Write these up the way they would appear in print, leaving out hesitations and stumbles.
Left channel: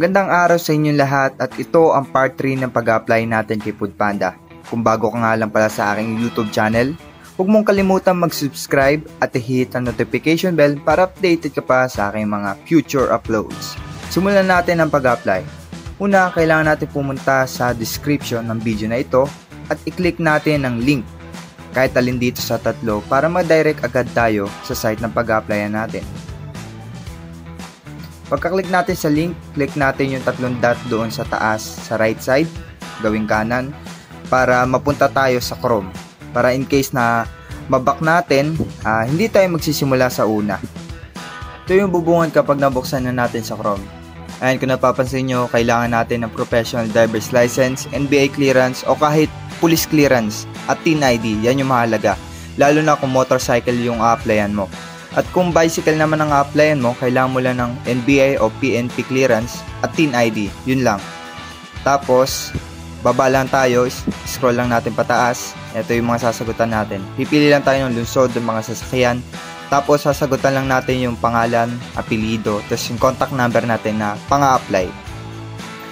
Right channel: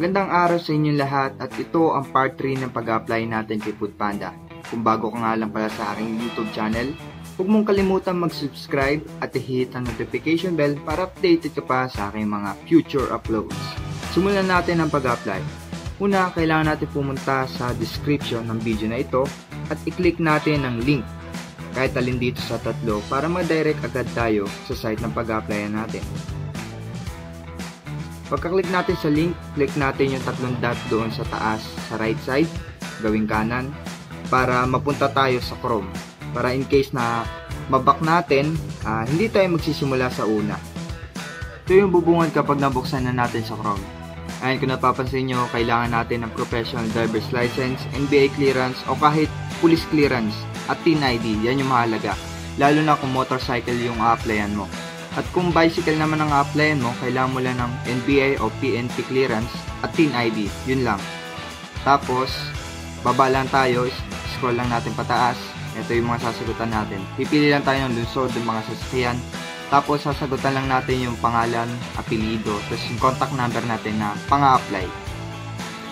Magandang araw sa inyong lahat at ito ang part 3 ng pag-apply natin kay Foodpanda. Kung bago ka nga lang pala sa aking YouTube channel, huwag mong kalimutan mag-subscribe at i-hit ang notification bell para updated ka pa sa aking mga future uploads. Simulan natin ang pag-apply. Una, kailangan natin pumunta sa description ng video na ito at i-click natin ang link kahit alin dito sa tatlo para ma-direct agad tayo sa site ng pag-applyan natin. Pagka-click natin sa link, click natin yung tatlong dot doon sa taas sa right side, gawing kanan, para mapunta tayo sa Chrome. Para in case na maback natin, hindi tayo magsisimula sa una. Ito yung bubungan kapag nabuksan na natin sa Chrome. Ayan, kung napapansin nyo, kailangan natin ng professional driver's license, NBA clearance, o kahit police clearance at TIN ID. Yan yung mahalaga. Lalo na kung motorcycle yung a-applyan mo. At kung bicycle naman ang a-applyan mo, kailangan mo lang ng NBI o PNP clearance at TIN ID. Yun lang. Tapos, baba lang tayo, scroll lang natin pataas. Ito yung mga sasagutan natin. Pipili lang tayo ng lungsod, ng mga sasakyan. Tapos, sasagutan lang natin yung pangalan, apelido, tapos yung contact number natin na pang-a-apply.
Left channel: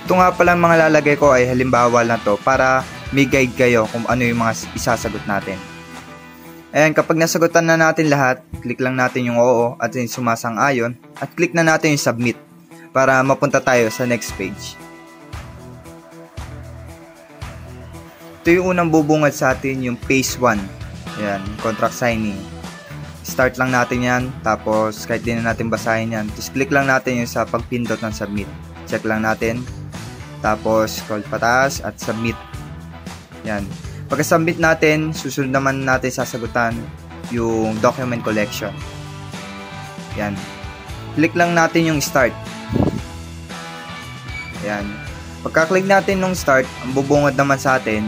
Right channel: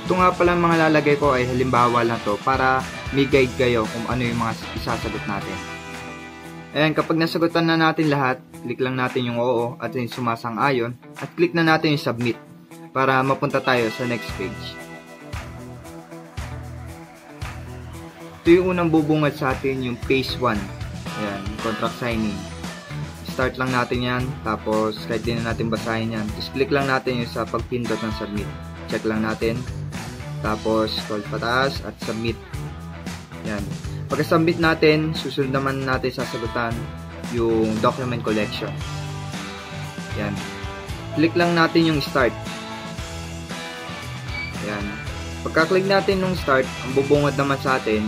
Ito nga pala mga lalagay ko ay halimbawa lang to para may guide kayo kung ano yung mga isasagot natin. Ayan, kapag nasagutan na natin lahat, click lang natin yung oo at yung sumasang-ayon at click na natin yung submit para mapunta tayo sa next page. Ito yung unang bubungad sa atin, yung phase 1. Ayan, contract signing. Start lang natin yan, tapos kahit di na natin basahin yan, just click lang natin yung sa pagpindot ng submit. Check lang natin, tapos scroll pataas at submit. Ayan. Pagka-submit natin, susunod naman natin sasagutan yung document collection. Yan. Click lang natin yung start. Yan. Pagka-click natin ng start, ang bubungad naman sa atin,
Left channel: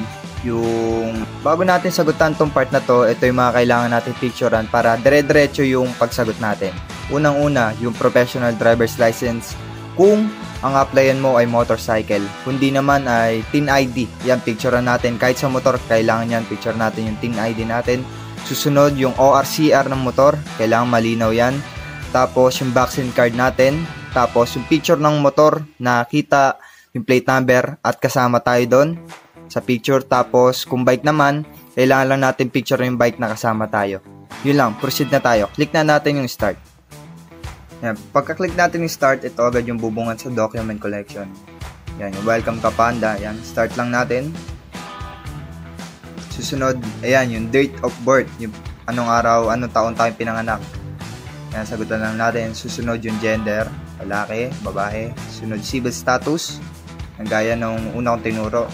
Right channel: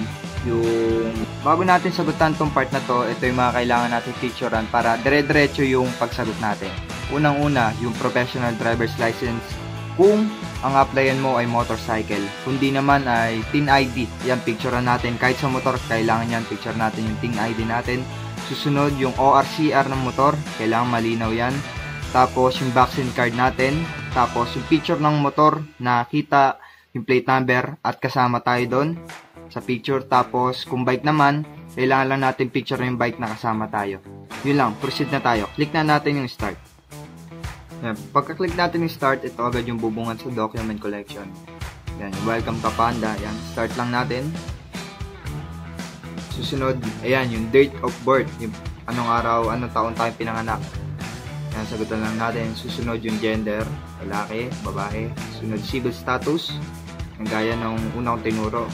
yung bago natin sagutan tong part na to, ito yung mga kailangan natin picturean para dire-diretso yung pagsagot natin. Unang-una, yung professional driver's license kung ang applyan mo ay motorcycle. Kundi naman ay TIN ID. Yan, picturean natin. Kahit sa motor, kailangan yan. Picture natin yung TIN ID natin. Susunod, yung ORCR ng motor. Kailangan malinaw yan. Tapos, yung vaccine card natin. Tapos, yung picture ng motor na kita yung plate number at kasama tayo doon sa picture. Tapos, kung bike naman, kailangan lang natin picture yung bike na kasama tayo. Yun lang, proceed na tayo. Click na natin yung start. Yan. Pagka-click natin yung start, ito agad yung bubungan sa document collection. Yan, yung welcome ka Panda. Yan, start lang natin. Susunod, ayan, yung date of birth. Yung anong araw, anong taon tayong pinanganak. Yan, sagutan lang natin. Susunod yung gender, lalaki, babae. Sunod, civil status. Ang gaya ng una kong tinuro.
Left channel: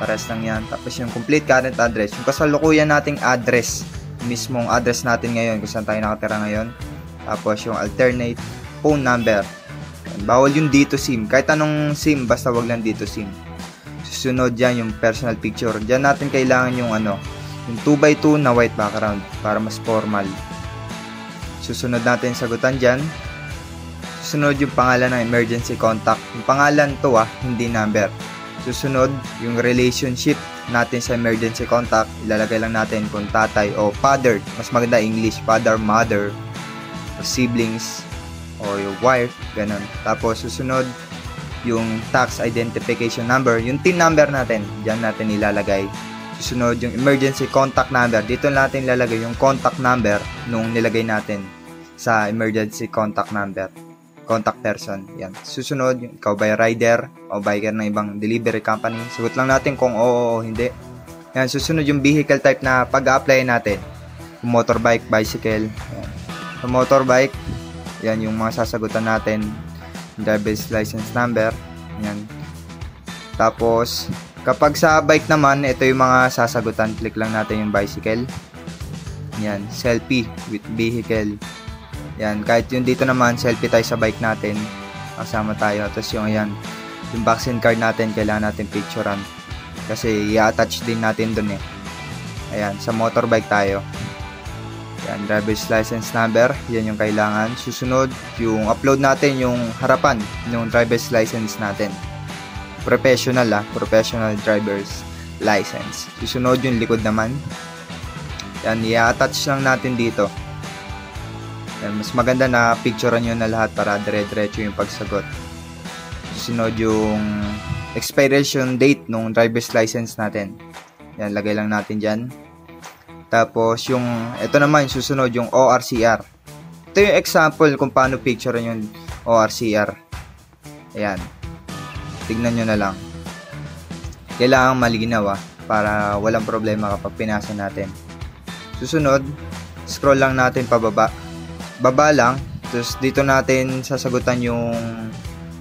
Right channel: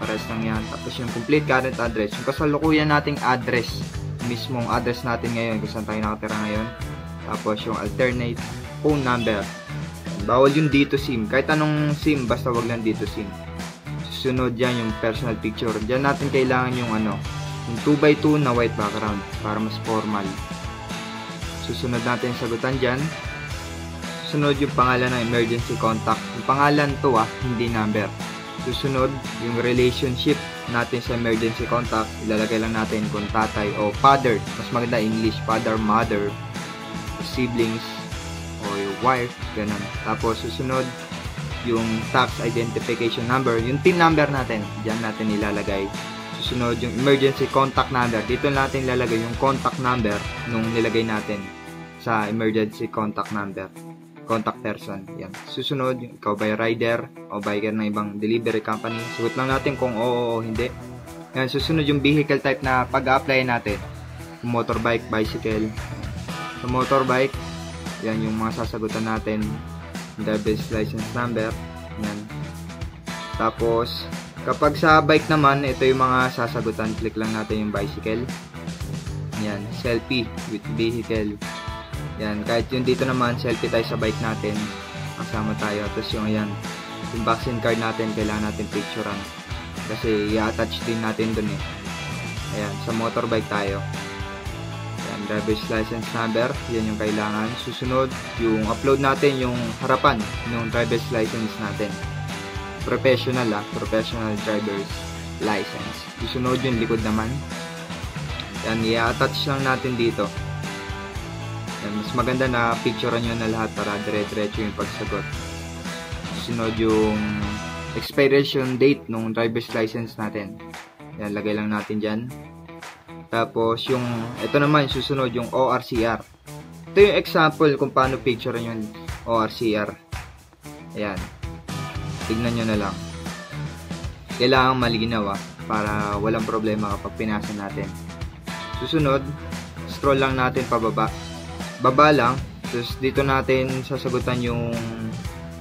Pares lang yan. Tapos yung complete current address. Yung kasalukuyan nating address. Mismong address natin ngayon, kung saan tayo nakatira ngayon. Tapos yung alternate phone number. Bawal yung dito SIM. Kahit anong SIM, basta wag lang dito SIM. Susunod yan yung personal picture. Diyan natin kailangan yung yung 2x2 na white background para mas formal. Susunod natin yung sagutan dyan. Susunod yung pangalan ng emergency contact. Yung pangalan to hindi number. Susunod yung relationship natin sa emergency contact. Ilalagay lang natin kung tatay o father. Mas maganda English. Father, mother, siblings o your wife, ganun. Tapos susunod yung tax identification number, yung TIN number natin, diyan natin ilalagay. Susunod yung emergency contact number, dito natin ilalagay yung contact number nung nilagay natin sa emergency contact number, contact person. Yan. Susunod, ikaw ba rider o biker ng ibang delivery company, sagot lang natin kung oo o hindi. Yan. Susunod yung vehicle type na pag-a-apply natin, motorbike, bicycle. Yan. Sa motorbike, yan yung mga sasagutan natin, driver's license number. Yan. Tapos, kapag sa bike naman, ito yung mga sasagutan. Click lang natin yung bicycle. Yan, selfie with vehicle. Yan, kahit yung dito naman, selfie tayo sa bike natin. Kasama tayo. Tapos yung yan, yung vaccine card natin, kailangan natin picturean. Kasi i-attach din natin dun eh. Ayan, sa motorbike tayo. Yan, driver's license number, yan yung kailangan. Susunod, yung upload natin yung harapan ng driver's license natin. Professional professional driver's license. Susunod yung likod naman. Yan, i-attach lang natin dito. Yan, mas maganda na picturean nyo na lahat para dire-diretso yung pagsagot. susunod yung expiration date ng driver's license natin. Yan, lagay lang natin dyan. Tapos yung, ito naman, susunod yung ORCR. Ito yung example kung paano picture yung ORCR. Ayan. Tignan nyo na lang. Kailangan malinaw para walang problema kapag pinasa natin. Susunod, scroll lang natin pababa. Baba lang. Tapos dito natin sasagutan yung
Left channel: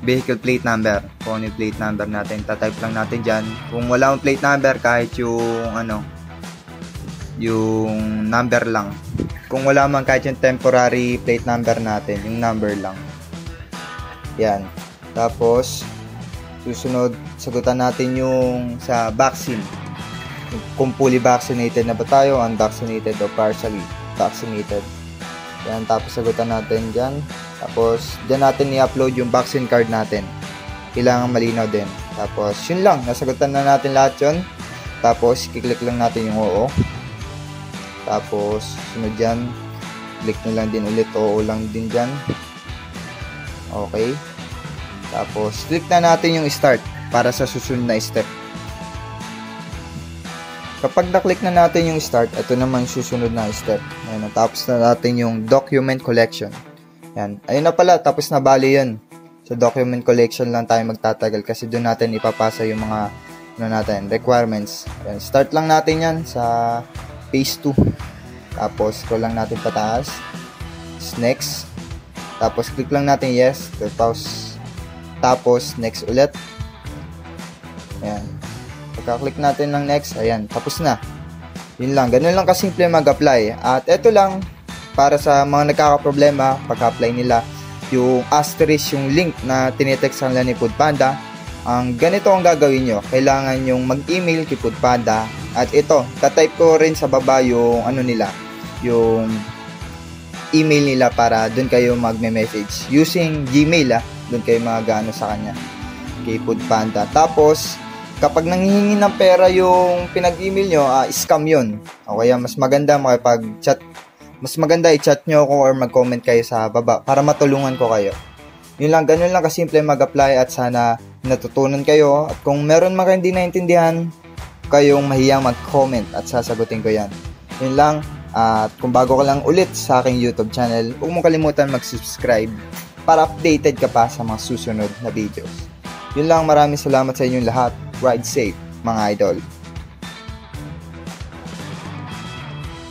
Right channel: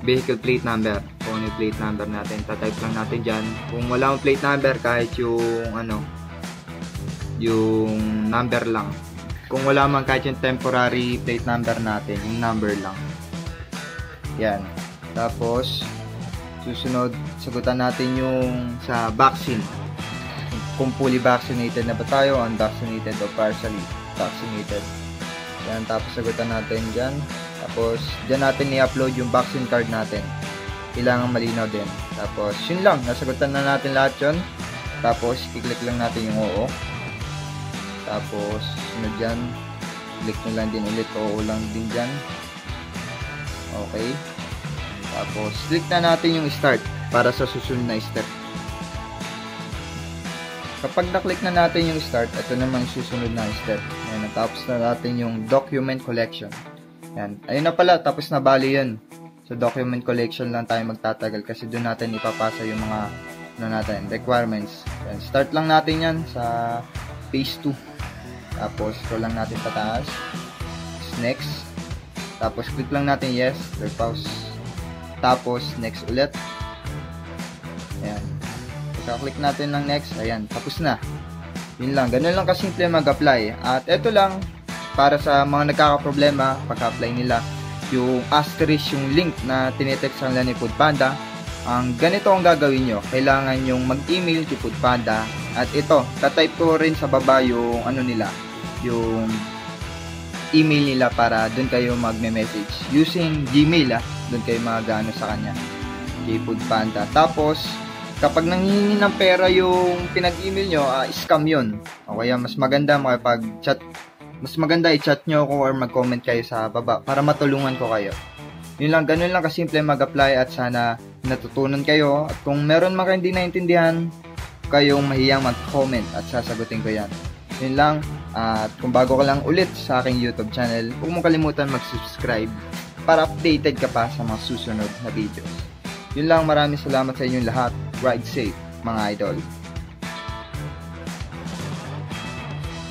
vehicle plate number. Kung ano yung plate number natin. Tatype lang natin dyan. Kung wala yung plate number, kahit yung yung number lang. Kung wala man, kahit yung temporary plate number natin, yung number lang. Yan. Tapos susunod, sagutan natin yung sa vaccine. Kung fully vaccinated na ba tayo, unvaccinated o partially vaccinated. Yan, tapos sagutan natin dyan. Tapos dyan natin i-upload yung vaccine card natin. Kailangan malinaw din. Tapos yun lang, nasagutan na natin lahat yun. Tapos kiklik lang natin yung oo. Tapos sunod dyan, click nyo lang din ulit, oo lang din dyan. Okay. Tapos click na natin yung start para sa susunod na step. Kapag na-click na natin yung start, ito naman yung susunod na step. Ayan, natapos na natin yung document collection. Ayan, ayun na pala, tapos na bali yun. Sa document collection lang tayo magtatagal kasi doon natin ipapasa yung mga requirements. Ayan, start lang natin yan sa phase 2. Tapos scroll lang natin pataas. Next. Tapos click lang natin yes. Tapos next ulit. Ayan. Pagka-click natin ng next, ayan, tapos na. Yun lang, ganun lang kasimple mag-apply. At ito lang, para sa mga nagkakaproblema, pagka-apply nila, yung asterisk, yung link na tinitextan nila ni Foodpanda, ang ganito ang gagawin nyo. Kailangan yung mag-email kay Foodpanda. At ito, tatype ko rin sa baba yung yung email nila para dun kayo magme-message. Using Gmail, dun kayo mag-ano sa kanya, kay Foodpanda. Tapos, kapag nanghihingi ng pera yung pinag-email nyo, scam yun. O kaya mas maganda makipag-chat. Mas maganda i-chat nyo ako or mag-comment kayo sa baba para matulungan ko kayo. Yun lang, ganun lang kasimple mag-apply at sana natutunan kayo. At kung meron man kayo hindi naintindihan, kayong mahiyang mag-comment at sasagutin ko yan. Yun lang. At kung bago ka lang ulit sa aking YouTube channel, huwag mong kalimutan mag-subscribe para updated ka pa sa mga susunod na videos. Yun lang, maraming salamat sa inyong lahat. Ride safe, mga idol.